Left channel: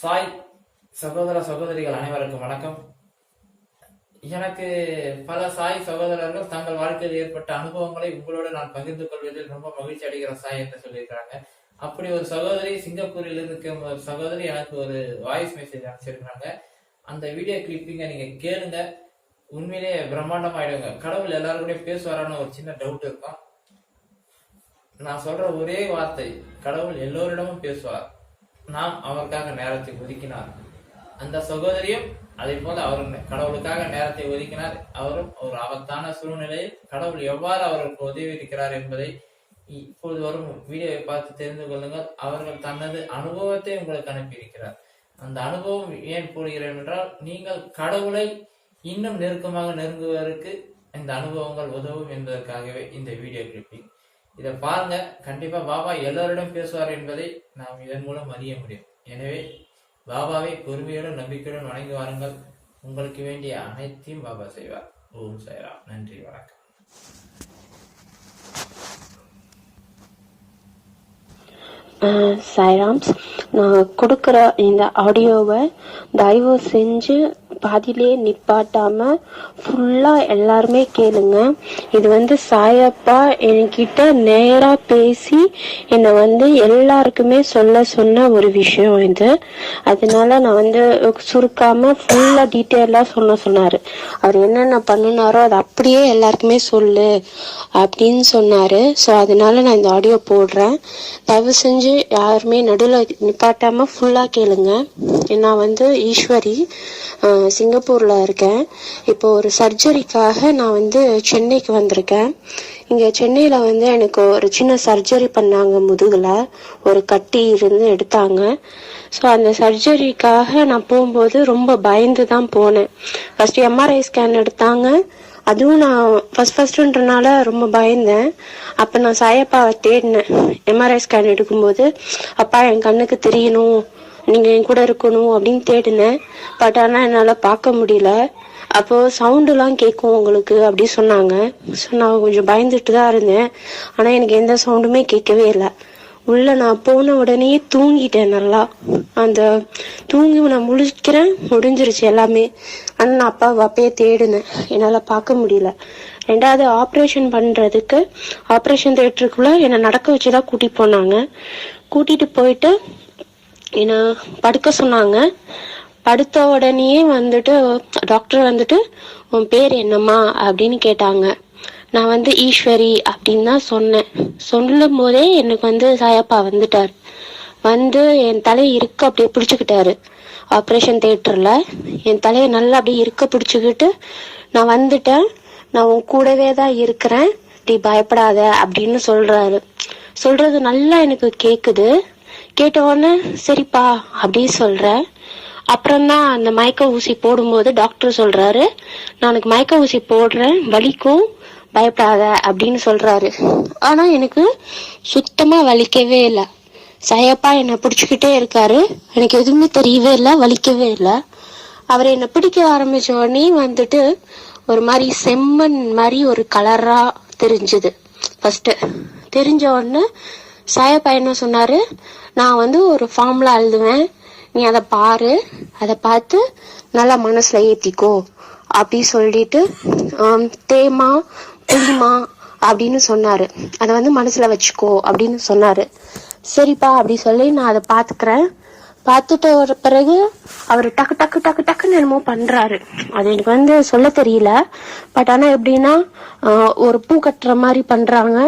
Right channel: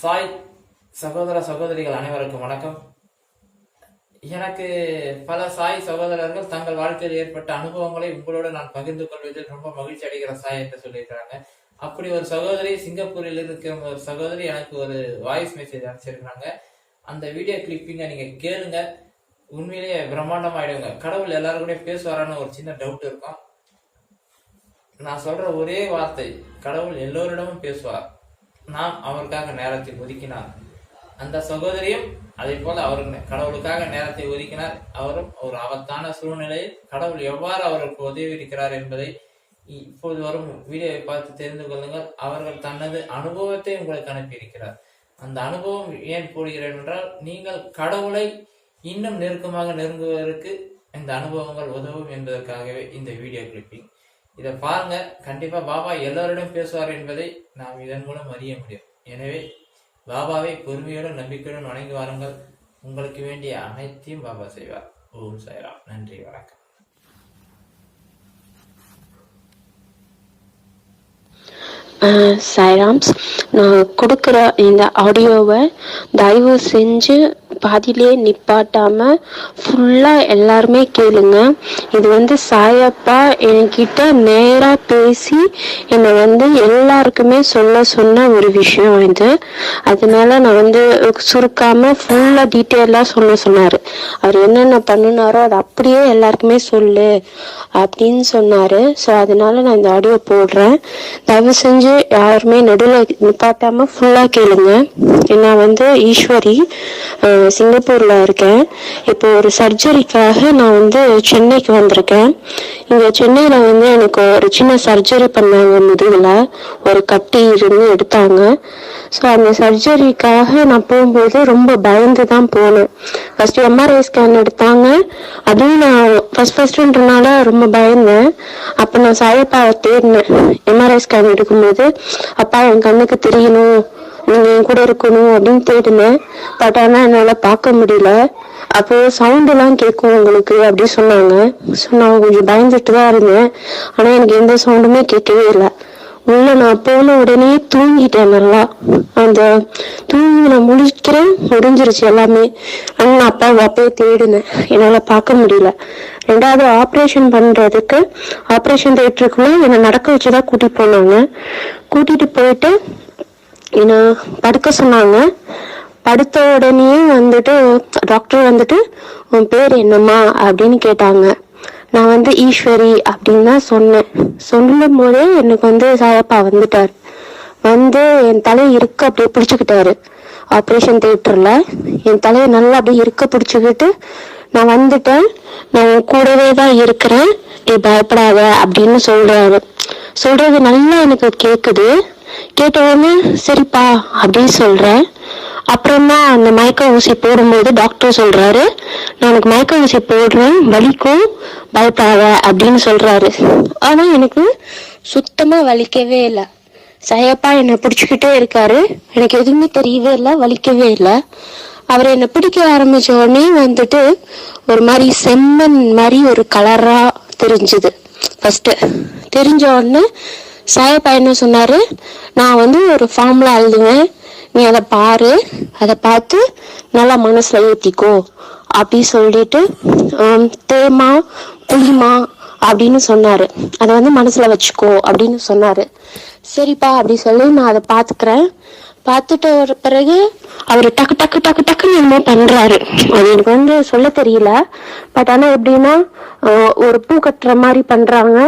சாய் சகோதர சகோதரிகள் அனைவருக்கும் வணக்கம். எனக்கு பல சாய் சகோதரர்கள் தங்கள் வாழ்க்கையில் ஏற்பட்ட அனுபவங்களை உங்களோடு நான் பகிர்ந்து கொள்வதில் ரொம்ப மகிழ்ச்சி அடைகிற சாய் என்று சொல்லியிருக்கிறாங்க. அப்படி ஒரு சகோதரி சிங்கப்பூரில் இருக்கிற ஒரு சகோதரி எனக்கு ஒரு வாய்ஸ் மெசேஜ் அனுப்பிச்சிருக்கிறாங்க. அந்த வீடியோ கிளிப்பிங்க நீங்க கேளுங்க. உண்மையிலேயே பிரம்மாண்டமாயிடுங்க. கடவுள் எல்லாரும் கூட பேசுவாரான்னு ஒரு சின்ன டவுட் இருக்கும். நான் சொல்ற ஒரே வார்த்தை கடவுள் எல்லோரிடமும் பேசுவார். நாம் அவருக்காக நேரத்தை ஒதுக்கினார். அந்த சகோதரியும் அதே போல அவர் கடவுளுக்காக நேரத்தை ஒதுக்கினார். அவரும் ஒரு ஆபத்தான சூழ்நிலையில் கடவுள் எவ்வாறு அவருக்கு உதவி இருக்கிறார் என்பதை இப்போது வரும் வீடியோவை பார்த்து தெரிந்து கொள்ளுங்கள். அவர்கள் தனது அனுபவத்தை உங்களுக்கு அனுப்பியிருக்கிறார். அந்த அனுபவம் ஏன் கூறுகிறேன் என்றால் நீங்கள் கடவுளை இன்னும் நெருக்கமாக நெருங்குவதற்கு இந்த அனுபவங்கள் உதவும் என்பதற்காகவே இந்த வீடியோ கிளிப்பிங் இதை பாருங்க. கண்டிப்பா பாபா எல்லோரிடம் பேசுவார் என்பதை நாம் இதன் மூலம் அறிய முடியும். எனவே பாபாவை பொறுமையுடன் நம்பிக்கையுடன் வணங்கி வாருங்கள். உங்களுக்கு வேண்டிய அனைத்தையும் பாபா செய்வார். ஓம் சாய்ராம். நன்றி வணக்கம். சாய்ராம்ஸ் நான் கொடுக்குற இந்த ஆடியோவை தயவு செஞ்சு பாதியிலே நிப்பாட்டாம ஃபுல்லாக எல்லாருமே கேளுங்க. இது வந்து சாயப்பா என்கிட்ட நேராக பேசி என்னை வந்து எல்லாருக்குமே சொல்ல சொன்ன ஒரு விஷயம் இது. அதனால நான் வந்து சுருக்காம ஃபுல்லாக டீட்டெயிலாக சொல்ல சொன்னார். அவர் என்னென்ன பண்ணினாரோ அதை அப்படியே எல்லாருக்குமே சொல்லு அப்படின்னு சொன்னாரு. ஸோ அதனால நான் இந்த ஆடியோ போடுறேன். தயவு செஞ்சு யாருமே நடுவில் நிப்பாட்டாம ஃபுல்லா கேளுங்க. நான் வந்து ஈஸ்வரி சிங்கப்பூரில் இருக்கேன். இப்போ ஒரு சர்ஜரிக்காக நான் வந்து சென்னைக்கு வந்திருக்கேன். இங்கே சென்னையில் வந்து எனக்கு ஒரு சின்ன சர்ஜரி பண்ணாங்க முதுகில். ஒரு கட்டி இருந்து எடுத்தாங்க. ஸோ அந்த சர்ஜரிக்காக நான் போகும்போது ரொம்ப பயந்து தான் போனேன் ஃபஸ்ட்டு எம்ஆர்ஐ ஸ்கேன் எடுத்தாங்க. அதுவும் நான் ஃபர்ஸ்ட் ஃபஸ்ட்டுன்றனால ரொம்ப பயந்தேன். அப்போ நான் சாயப்பாவை தேடினேன். எம்ஆர்ஐ ஸ்கேன் எடுக்கும்போது அப்பா என் கண்ணுக்கு தெரியணும். நீங்கள் என் கூட இருக்கணும் அப்படின்னு தேடினேன். பட் ஆனால் என்னால் பார்க்க முடியல. அப்போ சவுண்டெல்லாம் கேட்கும் உங்களுக்கு அப்படி சொன்னாங்க. ஸோ நான் கொஞ்சம் பயந்துட்டு தான் இருந்தேன். ஆனால் எனக்கு எந்த சவுண்டுமே கேட்கவே இல்லை. உள்ள நான் போன உடனே தூங்கிட்டேன் நல்லா. அந்த தூங்கி நான் முழிக்கிறேன் முடிஞ்சிருச்சு எல்லாமே. ஆனால் நான் அப்பா அப்பயே தேடினேன். என்னால் பார்க்க முடியல. ரெண்டாவது ஆப்ரேஷன் பண்ணுறதுக்கு ஆப்ரேஷன் தேட்டருக்குள்ளே என்னை நடக்க வச்சு தான் கூட்டிட்டு போனாங்க. கூட்டிகிட்டு போயிட்டு என்ன படுக்க சொன்னாங்க. படுத்த உடனே வந்துட்டு டாக்டர் வந்துட்டு உன் பேர் என்னம்மா? அப்படின்னு கேட்டாங்க. நான் வந்து ஈஸ்வரி அப்படின்னு தான் சொன்னேன். சொல்லும் போதே எனக்கு வந்து சாயப்பா வந்துட்டார். வந்து என் தலையை இருக்க அப்படியே பிடிச்சுக்கிட்டாரு. ஆப்ரேஷன் தேட்டரில் என் தலையை நல்லா அப்படியே இருக்க பிடிச்சிக்கிட்டு நான் வந்துட்டேன். நான் உன் கூடவே தான் இருக்கிறேன். நீ பயப்படாத அப்படின்னு சொல்கிறாரு சொல்கிறது நல்லா எனக்கு கேட்குது கேட்ட உடனே சரிப்பா அப்படின்னு சொல்கிறேன் அப்புறமா அந்த மயக்க ஊசி போடும்போது டாக்டர் சொல்கிறாரு நான் உனக்கு மயக்க ஊசி போடுறேன் வலிக்கும் பயப்படாத அப்படின்னு சொல்கிறாரு ஆனால் எனக்கு சுத்தமாக வலிக்கவே இல்லை. சயப்பா என்னை பிடிச்சிக்கிட்டே இருக்காரு. எனக்கு எதுவுமே தெரியவே இல்லை வலிக்கவே இல்லை. அவர் என்னை பிடிக்க ஆரம்பிச்ச உடனே வந்துட்டு ஒரு மாதிரி செம்மண் மாதிரி ஒரு கலராக தெரிஞ்சுது. ஃபஸ்ட்டு தெரிஞ்ச உடனே சாயப்பா என்ன சொன்னார் நான் வந்து ஒரு ஃபார்மில் எழுதுவேன் நீ அதை பாரு. அதை பார்த்து நல்லா மனசில் ஏற்றிக்கோ அப்படி சொல்லிட்டு தேமா புளிமா அப்படின்னு சொன்னார். அதை வந்து மனசில் வச்சுக்கோ அப்படின்னு சொன்னார். சரிப்பா அப்படி சொல்லி நான் அதை பார்த்துக்கிறேன். பார்த்துட்டு ஒரு பிறகு அவர் டக்கு டக்கு டக்கு டக்குன்னு என்னமோ பண்ணுறாரு அது எனக்கு வந்து சொல்ல தெரியல. பட் ஆனால் எப்படின்னா ஒரு பூ கட்டுற மாதிரி பண்ணுறாங்க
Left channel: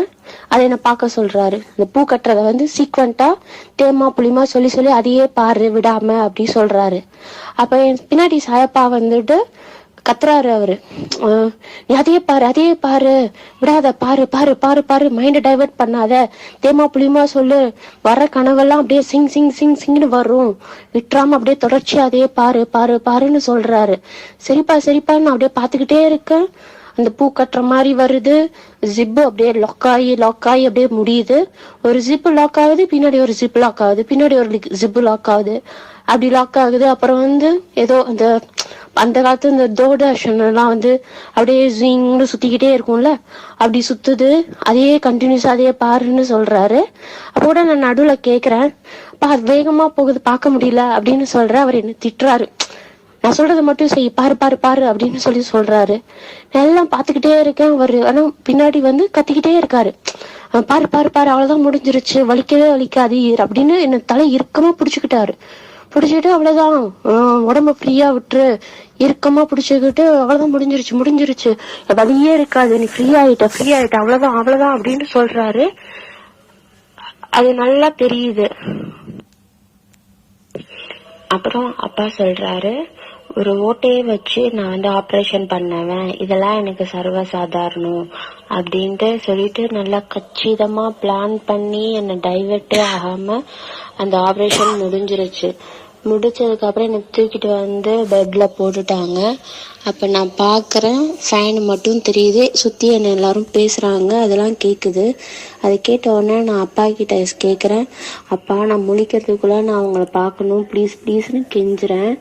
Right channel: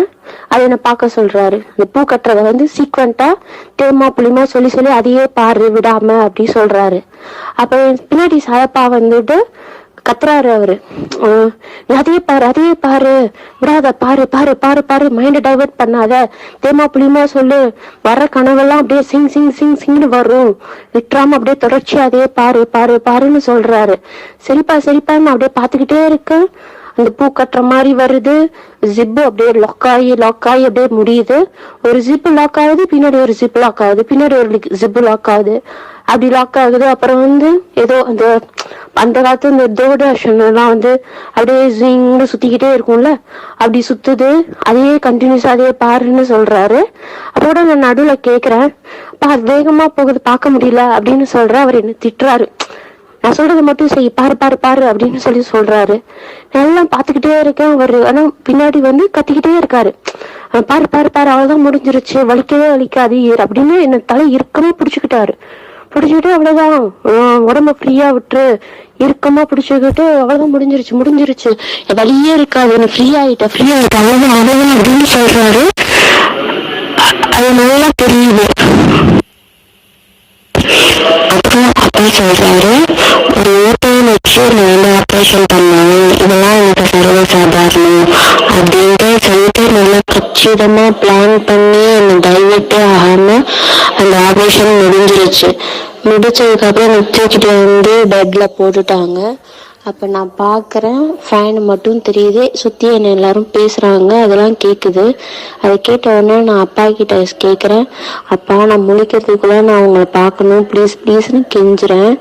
அதை என்ன பார்க்க சொல்றாரு. இந்த பூ கட்டுறத வந்து சீக்வெண்டா தேமா புளிமா சொல்லி சொல்லி அதையே பாரு விடாம அப்படி சொல்றாரு. அப்ப பின்னாடி சாயப்பா வந்துட்டு கத்துறாரு அவரு. அதையே பாரு அதையே பாரு. விடாத பாரு பாரு பாரு பாரு. மைண்ட டைவர்ட் பண்ணாத. தேமா புளிமா சொல்லு. வர்ற கனவெல்லாம் அப்படியே சிங் சிங் சிங் சிங்னு வரும். விட்டுறாம அப்படியே தொடர்ச்சி அதையே பாரு பாரு பாருன்னு சொல்றாரு. சரிப்பா சரிப்பா நான் அப்படியே பாத்துக்கிட்டே இருக்கு. இந்த பூ கட்டுற மாதிரி வருது. ஜிப்பு அப்படியே லாக் ஆகி லாக் ஆகி அப்படியே முடியுது. ஒரு ஜிப்பு லாக் ஆகுது பின்னாடி ஒரு ஜிப் லாக் ஆகுது பின்னாடி ஒரு ஜிப்பு லாக் ஆகுது. அப்படி லாக் ஆகுது. அப்புறம் வந்து ஏதோ அந்த அந்த காலத்து இந்த தூர்தர்ஷன் எல்லாம் வந்து அப்படியே ஜிங்னு சுத்திக்கிட்டே இருக்கும்ல. அப்படி சுத்துது. அதையே கண்டினியூஸா அதையே பாருன்னு சொல்றாரு. அப்போட நான் நடுவுல கேக்குறேன். பா அது வேகமா போகுது பார்க்க முடியல அப்படின்னு சொல்ற அவர் என்ன திட்டுறாரு. நான் சொல்றது மட்டும் செய் பாரு பாரு பாரு அப்படின்னு சொல்லி சொல்றாரு. நான் எல்லாம் பாத்துக்கிட்டே இருக்கேன் அவரு ஆனா பின்னாடி வந்து கத்திக்கிட்டே இருக்காரு. பாரு பாரு பாரு அவ்வளவுதான் முடிஞ்சிருச்சு வலிக்கவே வலிக்காது அப்படின்னு என்ன தலை இறுக்கமா பிடிச்சுக்கிட்டாரு. பிடிச்சிக்கிட்டு அவ்வளவுதான். உடம்ப ஃப்ரீயா விட்டுரு. இறுக்கமா பிடிச்சுக்கிட்டு அவ்வளவுதான் முடிஞ்சிருச்சு முடிஞ்சிருச்சு. வலியே இருக்காது நீ ஃப்ரீ ஆயிட்ட ஃப்ரீ ஆயிட்ட அவ்வளவுதான் அவ்வளவுதான் அப்படின்னு சொல்றாரு. அது நல்லா தெரியுது. டாக்டர் சொல்கிறாரு ஒரு ஓட்டையை வச்சு நான் வந்து ஆப்ரேஷன் பண்ணணும் இதெல்லாம் எனக்கு சர்வ சாதாரணம் அப்படின்ட்டு சொல்லிட்டு நல்லா கச்சிதமாக பிளான் பண்ணி என்னை டைவர்ட்டே ஆகாமல் அந்த ஆப்ரேஷன் முடிஞ்சிருச்சு. முடிச்சதுக்கப்புறம் அப்புறம் தூக்கிட்டு வந்து பெட்டில் போட்டுட்டாங்க. அப்போ நான் பார்க்குறேன் ஃபேனு மட்டும் தெரியுது. சுற்றி என்ன எல்லாரும் பேசுகிறாங்க அதெல்லாம் கேட்குது அதை கேட்ட உடனே நான் அப்பா கிட்ட கேட்குறேன் அப்பா நான் முழிக்கிறதுக்குள்ளே நான் உங்களை பார்க்கணும். ப்ளீஸ் ப்ளீஸ்னு கெஞ்சுறேன்.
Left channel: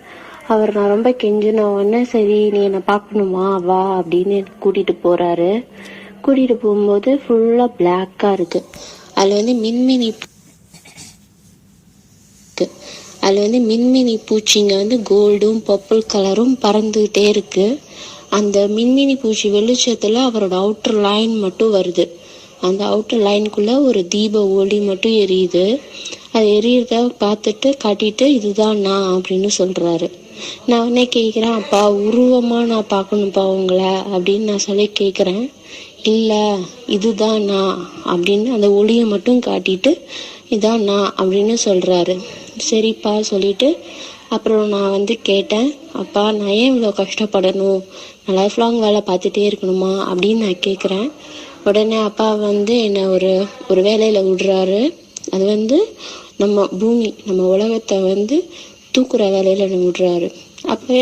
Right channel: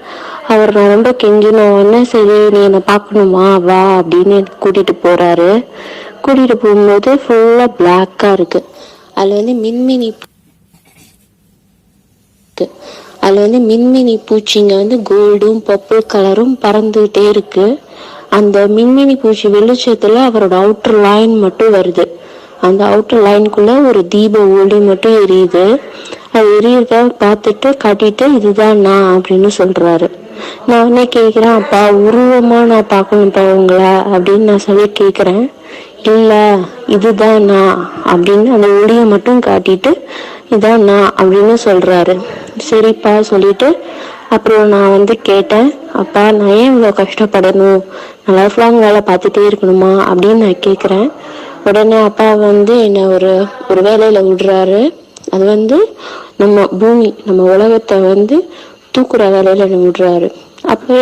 அவர் நான் ரொம்ப கெஞ்சின உடனே சரி நீ என்னை பார்க்கணுமா? வா அப்படின்னு கூட்டிகிட்டு போகிறாரு கூட்டிகிட்டு போகும்போது ஃபுல்லாக பிளாக்காக இருக்குது அதில் வந்து மின்மினி இருக்கு அதில் வந்து மின்மினி பூச்சிங்க வந்து கோல்டும் பர்பிள் கலரும் பறந்துகிட்டே இருக்கு. அந்த மின்மினி பூச்சி வெளிச்சத்தில் அவரோட அவுட்டர் லைன் மட்டும் வருது. அந்த அவுட்டர் லைனுக்குள்ளே ஒரு தீப ஒளி மட்டும் எரியுது. அது எரியறத பார்த்துட்டு காட்டிட்டு இதுதான் நான் அப்படின்னு சொல்கிறாரு நான் உடனே கேட்குறேன் அப்பா உருவமாக நான் பார்க்கணும்ப்பா உங்களை அப்படின்னு நான் சொல்லி கேட்குறேன் இல்லை இதுதான் நான் அப்படின்னு அந்த ஒளியை மட்டும் காட்டிட்டு இதான் நான் அப்படின்னு சொல்கிறாரு சரிப்பா சொல்லிட்டு அப்புறம் நான் வந்து கேட்டேன் அப்பா நான் ஏன் இவ்வளோ கஷ்டப்படணும்? நான் லைஃப் லாங் வேலை பார்த்துட்டே இருக்கணுமா? அப்படின்னு நான் கேட்குறேன் உடனே அப்பா வந்து என்னை ஒரு ஒரு வேலையில் விடுறாரு. அது வந்து நம்ம பூமி நம்ம உலகத்தை வந்து தூக்குற வேலையில் என்னை விடுறாரு. அப்போ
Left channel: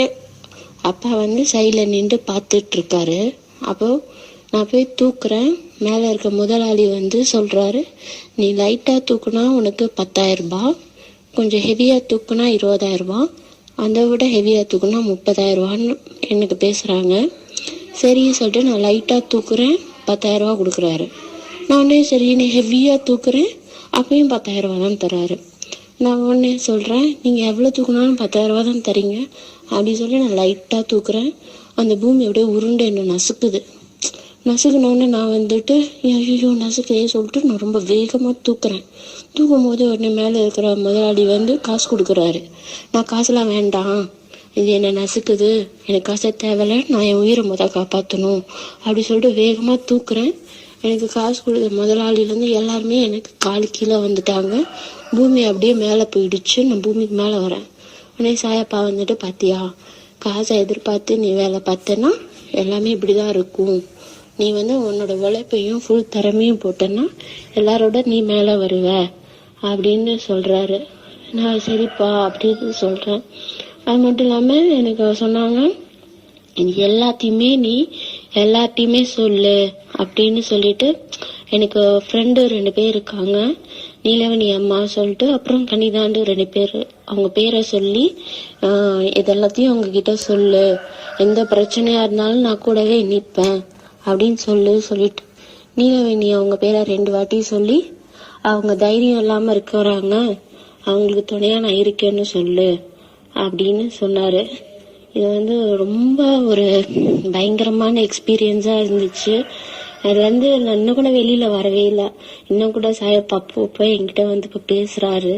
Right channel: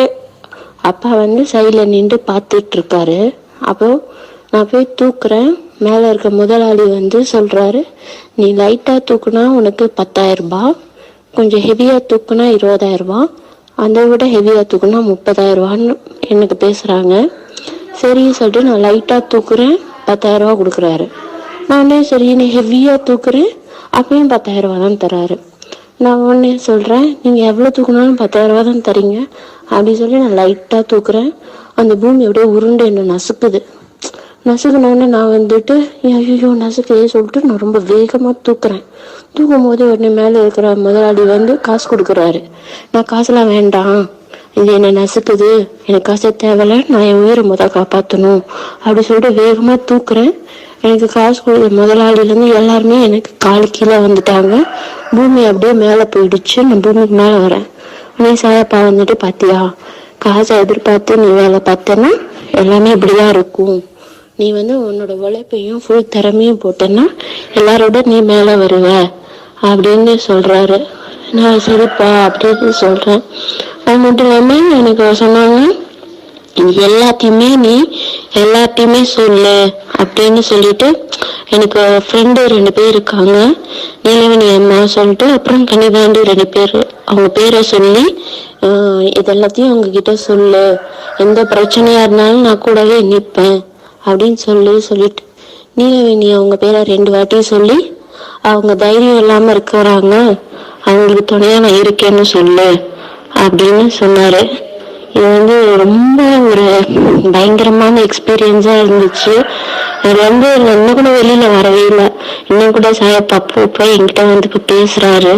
அப்பா வந்து சைடில் நின்று பார்த்துட்டு இருக்காரு. அப்போ நான் போய் தூக்குறேன். மேலே இருக்க முதலாளி வந்து சொல்றாரு நீ லைட்டாக தூக்குனா உனக்கு பத்தாயிரம் ரூபாய் கொஞ்சம் ஹெவியாக தூக்குனா இருபதாயிரம் ரூபாய் அதை விட ஹெவியாக தூக்குனா முப்பதாயிரம் ரூபான்னு எனக்கு பேசுகிறாங்க சரி சொல்லிட்டு நான் லைட்டாக தூக்குறேன் பத்தாயிரம் ரூபாய் கொடுக்குறாரு. நான் உடனே சரி நீ ஹெவியாக தூக்குறேன் அப்பயும் பத்தாயிரம் ரூபாய் தான் தராரு. நான் உடனே சொல்கிறேன் நீங்கள் எவ்வளோ தூக்குனாலும் பத்தாயிரம் ரூபாய் தான் தரீங்க. அப்படி சொல்லி நான் லைட்டாக தூக்குறேன். அந்த பூமி அப்படியே உருண்டு என்ன நசுக்குது. நசுக்குனோடனே நான் வந்துட்டு ஐயோ நசுக்கையே சொல்லிட்டு நான் ரொம்ப வேகமாக தூக்குறேன். தூக்கும் போது உடனே மேலே இருக்கிற முதலாளி வந்து காசு கொடுக்குறாரு. நான் காசுலாம் வேண்டாம். இது என்ன நசுக்குது. எனக்கு காசே தேவையில்ல. நான் என் உயிரை முதல் காப்பாற்றணும் அப்படி சொல்லிட்டு வேகமாக தூக்குறேன். எனக்கு காசு கொடுக்குற முதலாளிலேருந்து எல்லாருமே எனக்கு கால் கீழே வந்துட்டாங்க. பூமி அப்படியே மேலே போயிடுச்சு. நான் பூமிக்கு மேலே வரேன். நீ சாயப்பா வந்துட்டு பார்த்தியா காசை எதிர்பார்த்து நீ வேலை பார்த்தேன்னா எல்லாமே இப்படிதான் இருக்கும். நீ வந்து உன்னோட உழைப்பையும் ஃபுல் திறமையும் போட்டேன்னா எல்லாரோட நீ மேலே வருவ அப்படின்னு சொல்கிறாரு நான் சரிப்பா அப்படின்னு சொல்கிறேன் அது மட்டும் இல்லாமல் எனக்கு சொன்னாங்க எல்லாத்தையுமே நீ எல்லாத்தையுமே சொல்லு அப்படின்னு சொல்லிட்டு எனக்கு ஃப்ரெண்டு ரெண்டு பேர் இருக்காங்க. நீலவணி அம்மா சொல்லிட்டு அப்புறம் கனிதாண்டு ரெண்டு பேர் அவங்க பேரை சொல்லி இதெல்லாத்தையும் அவங்க கிட்ட சொல்லு. எந்த பிரச்சனையா இருந்தாலும் நான் கூடவே நிற்பேன் அப்படின்னு சொல்லி சொல்லிட்டு. நீலவேணி அவங்க பேரை ரெண்டு வாட்டி சொல்லி அவங்க தைரியம் இல்லாமல் இருக்கிறாங்க. அவங்களுக்கு துணையாக நான் இருக்கேன்னு சொல்லு அப்படின்னு சொன்னார். இது வந்து ரொம்ப ஒரு பயங்கரமான எக்ஸ்பீரியன்ஸாக இருந்துச்சு. அது வந்து இன்னும் கூட வெளியில் வரவே இல்லை. இன்னும் கூட சாயப்பா அப்போ போய் என்கிட்ட வந்து இப்போ பேசுகிறாரு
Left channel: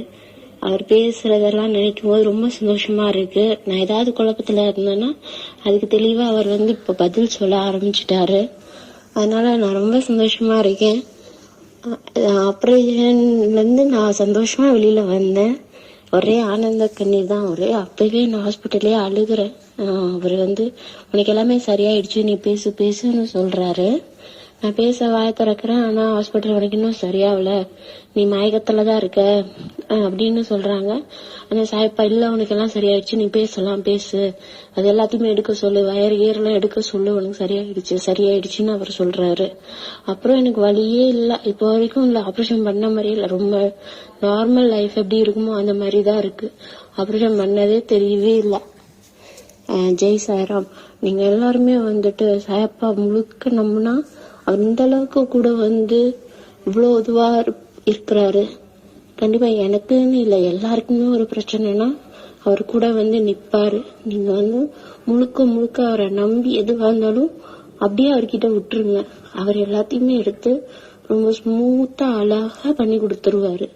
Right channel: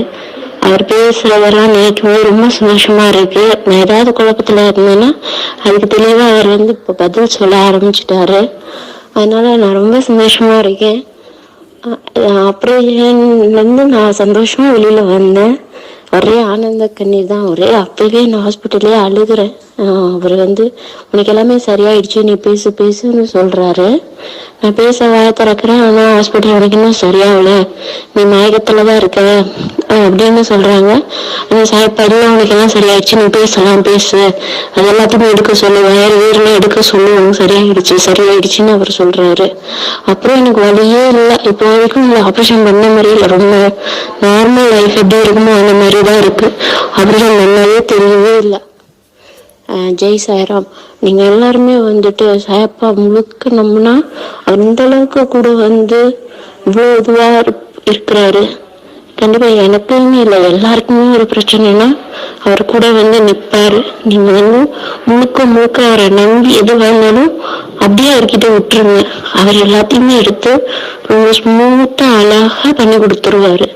அவர் பேசுறதெல்லாம் நினைக்கும் ரொம்ப சந்தோஷமா இருக்கு. நான் ஏதாவது குழப்பத்துல இருந்தேன்னா அதுக்கு தெளிவா அவர் வந்து இப்ப பதில் சொல்ல ஆரம்பிச்சிட்டாரு. அதனால நான் ரொம்ப சந்தோஷமா இருக்கேன். அஹ் அப்புறம் நான் சந்தோஷமா வெளியில வந்தேன். ஒரே ஆனந்த கண்ணீர் தான். ஒரே அப்பவே நான் ஹாஸ்பிட்டல்லே அழுகுறேன். அவர் வந்து உனக்கு எல்லாமே சரியாயிடுச்சு. நீ பேசு பேசுன்னு சொல்றாரு. நான் பேச வாய திறக்கிறேன். ஆனா ஹாஸ்பிட்டல் உனக்கு இன்னும் சரியாகல. நீ மயக்கத்துல தான் இருக்க. அப்படின்னு சொல்றாங்க. அந்த சாப்பாடு அவனுக்கு எல்லாம் சரியாயிடுச்சு. நீ பேசலாம் பேசு. அது எல்லாத்தையுமே எடுக்க சொல்லு. வேற வீரெல்லாம் எடுக்க சொல்லு உனக்கு சரியாயிடுச்சு சரியாயிடுச்சுன்னு அவர் சொல்றாரு. அப்புறம் எனக்கு வழியே இல்லை. இப்போ வரைக்கும் ஆப்ரேஷன் பண்ண மாதிரி இல்லை. ரொம்ப நார்மல் லைஃப் எப்படி இருக்குமோ அந்த மாதிரி தான் இருக்கு. ஆப்ரேஷன் பண்ணவே தெரியவே இல்லை. ஜெய் சாய்ராம் நீங்கள் எல்லாருமே வந்துட்டு சாயப்பா முழுக்க நம்பினா அந்த அளவுக்கு கூட வந்து இவ்வளோ இதுவாக இருக்கிறாரு. கண்டிப்பா எனக்குன்னு இல்லை எல்லாருக்குமே ஒரு பிரச்சனைனா அவர் கூட வந்து நிப்பாரு. நீங்க வந்து முழுக்க முழுக்க அவரை நம்பி எது வேணாலும் அப்படியே அவர்கிட்ட விட்டுருங்க. அவர் எல்லாத்தையுமே எடுத்து ரொம்ப ஸ்மூத்தா அழகா பண்ணி கொடுத்துருவாரு.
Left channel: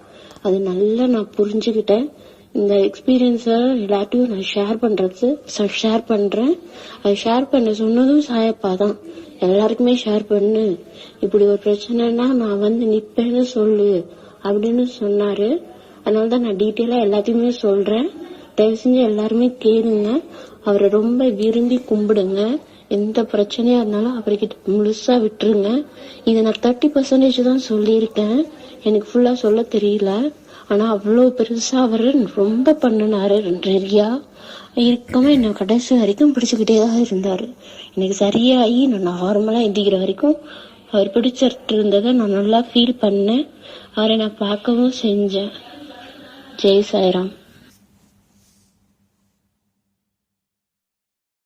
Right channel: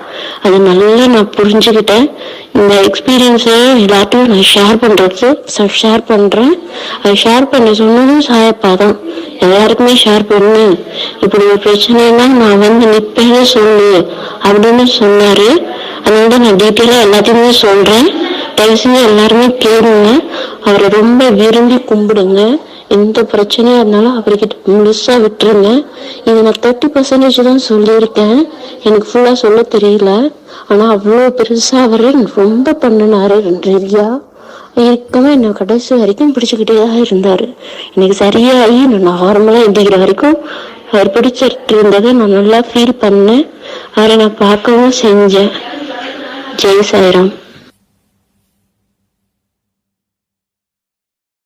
அது நல்லா நான் புரிஞ்சுக்கிட்டேன். இந்த எக்ஸ்பீரியன்ஸை எல்லாத்தையும் நான் ஷேர் பண்றது ஷேர் பண்ணுறேன் அதை ஷேர் பண்ண சொன்னதும் சாயப்பா தான். எல்லாருக்குமே ஷேர் பண்ணு இப்படி ஒரு பிரச்சனைனா நான் வந்து நிற்பேன்னு சொல்லு அப்படின்னு சொன்னார். அதனால நான் டீட்டெயிலாக எல்லாத்தையுமே சொல்கிறேன் தயவு செஞ்சு எல்லாருமே கேளுங்க. அவரை ரொம்ப விரும்பி கும்பிடுங்க. எந்த பிரச்சனையாக இருந்தாலும் அவர்கிட்ட முழுசாக விட்டுருங்க. இதை நான் தேர்ட்டி பர்சன்டேஜ் தான் சொல்லியிருக்கேன். எனக்கு ஃபுல்லாக சொல்ல தெரியல. ஆனால் அவ்வளோ பெருசாக அவர் ரொம்ப பண்ணினாரு நிறையா. இருக்கவே என்னை கடைசி வரைக்கும் பிடிச்சிக்கிட்டே தான் இருந்தார். எனக்கு சரியாகி நான் நார்மலாக எந்திக்கிற வரைக்கும் அவர் பிடிச்சிட்டு இருந்ததை நான் நல்லா ஃபீல் பண்ணேன். அவரை நான் பார்க்கவும் செஞ்சேன். ஜெய் சாய்ராம்.